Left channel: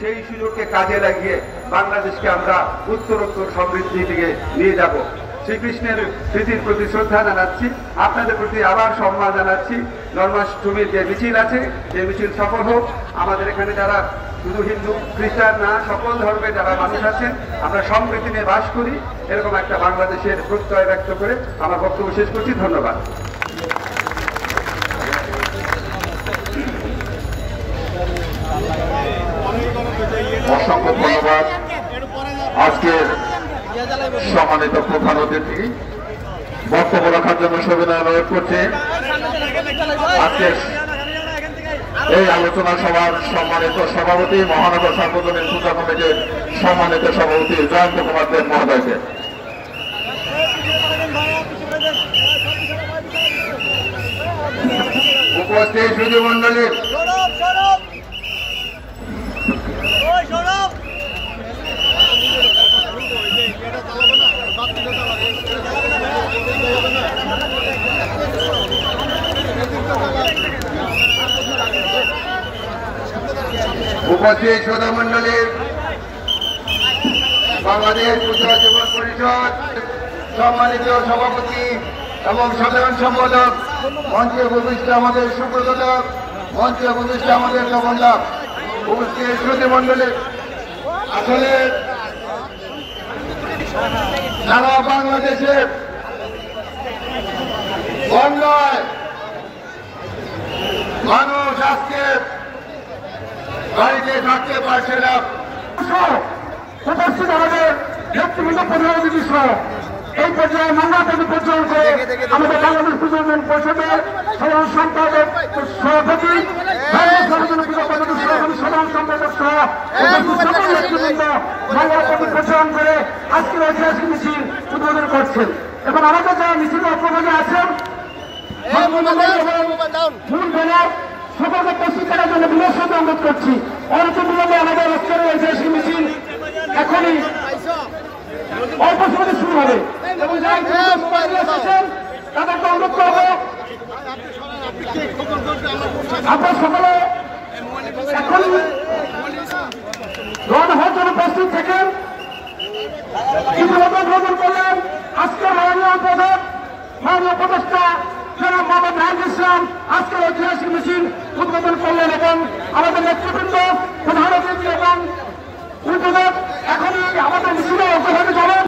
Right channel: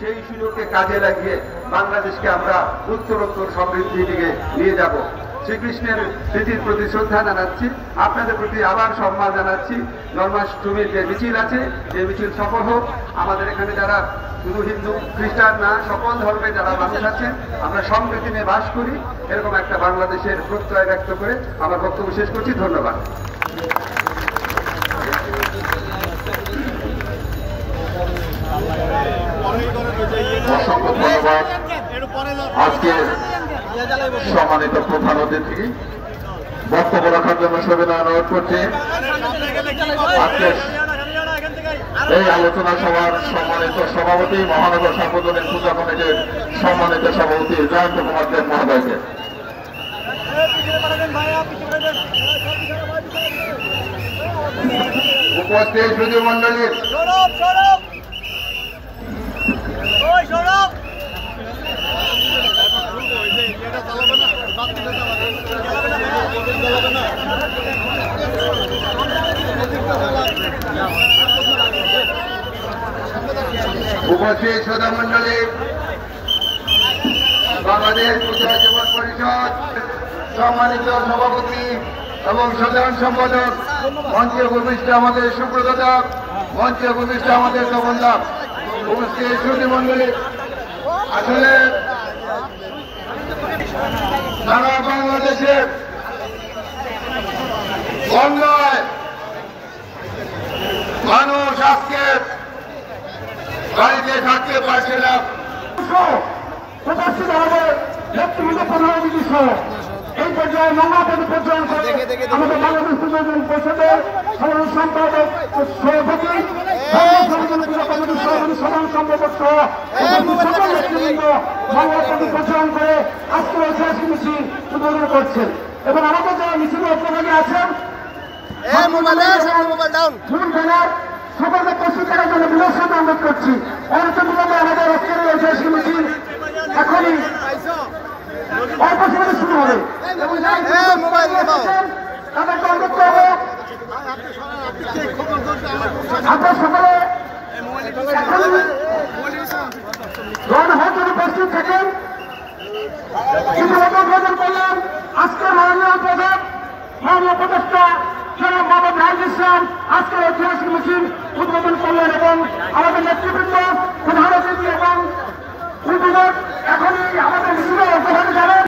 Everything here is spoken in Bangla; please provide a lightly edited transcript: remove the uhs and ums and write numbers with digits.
সেই সুযোগকে কাজে লাগিয়ে বাংলাদেশকে আমরা উত্তরোত্তর সমৃদ্ধির দিকে নিয়ে যাব। শ্রীকৃষ্ণের স্মৃতির প্রতি শ্রদ্ধা জানাচ্ছি, আপনাদের প্রতি আবার সম্মান জানাচ্ছি। জন্মাষ্টমীর যে মিছিল আছে সেই মিছিল সফল হোক। আমাদের এখানে যারা শুধু হিন্দু খ্রিস্টান না, সকল ধর্মে যারা মানুষ আছেন, আমরা সম্প্রীতি নিয়ে বাস করি, এরকম একটা বাংলাদেশের প্রত্যয় ব্যক্ত করে আমার বক্তব্য শেষ করছি। ধন্যবাদ। অসংখ্য ধন্যবাদ আজকের সম্মানিত প্রধান অতিথি। বক্তব্য রাখার জন্য সবিনয় অনুরোধ করছি আজকের এই আলোচনা সভার সম্মানিত সভাপতি, মহানগর সার্বজনীন পূজা কমিটির সম্মানিত সভাপতি জয়ন্ত কুমার দেব মহোদয়কে। উপস্থিত সুধী মন্ডলী, উপস্থিত শ্রোতা মন্ডলী, বাংলাদেশ পূজা জীবন পরিষদ সম্মানিত সভাপতি এবং সাধারণ সম্পাদক, মঞ্চে উপবিষ্ট আমাদের সুব্রত, মঞ্চে উপবিষ্ট আমাদের তপনদা, উপস্থিত শ্রোতা মন্ডলী, আসলে সারা বাংলাদেশে বন্যায় মানুষ আজকে বাড়িতে থাকতে পারছে না। উপস্থিত আমাদের নেতৃবৃন্দ প্রধান অতিথি সহ এই পর্যায়ে নোংরা পদ পর্যন্ত করে আমাদের বাংলাদেশ পূজা পরিষদের সাধারণ সম্পাদক সভাপতি, সাধারণ সম্পাদক সহ নেতৃবৃন্দ নোংরা পদ প্রচারণ করে আজকের ঐতিহাসিক মিছিল উদ্বোধন করছেন এবং আমাদের যারা মিছিলের উপযোগী আছেন ফুল ব্যানার সকলকে প্রস্তুত করার জন্য বিনোদ সাথে অনুরোধ করছি। অনতিবিলম্বে আমাদের আজকের ঐতিহাসিক মিছিল এখনই অল্প সময় শুরু হবে এবং যারা এসেছেন তাদেরকে অনুরোধ করবো আপনার সকলে এখন রওনা হওয়ার জন্য প্রস্তুত থাকেন। ইতিমধ্যে উদ্বোধন করলেন আজকের মাননীয় প্রধান, মাননীয় উপদেষ্টা জনাব মোহাম্মদ রাহিদুল ইসলাম আজকের ঐতিহাসিক মিছিল উদ্বোধন করলেন এবং আমাদের নেতৃবৃন্দ, প্রধান অতিথি এবং উদ্বোধক এখনই আমাদের মিছিলে অংশগ্রহণ যাবেন।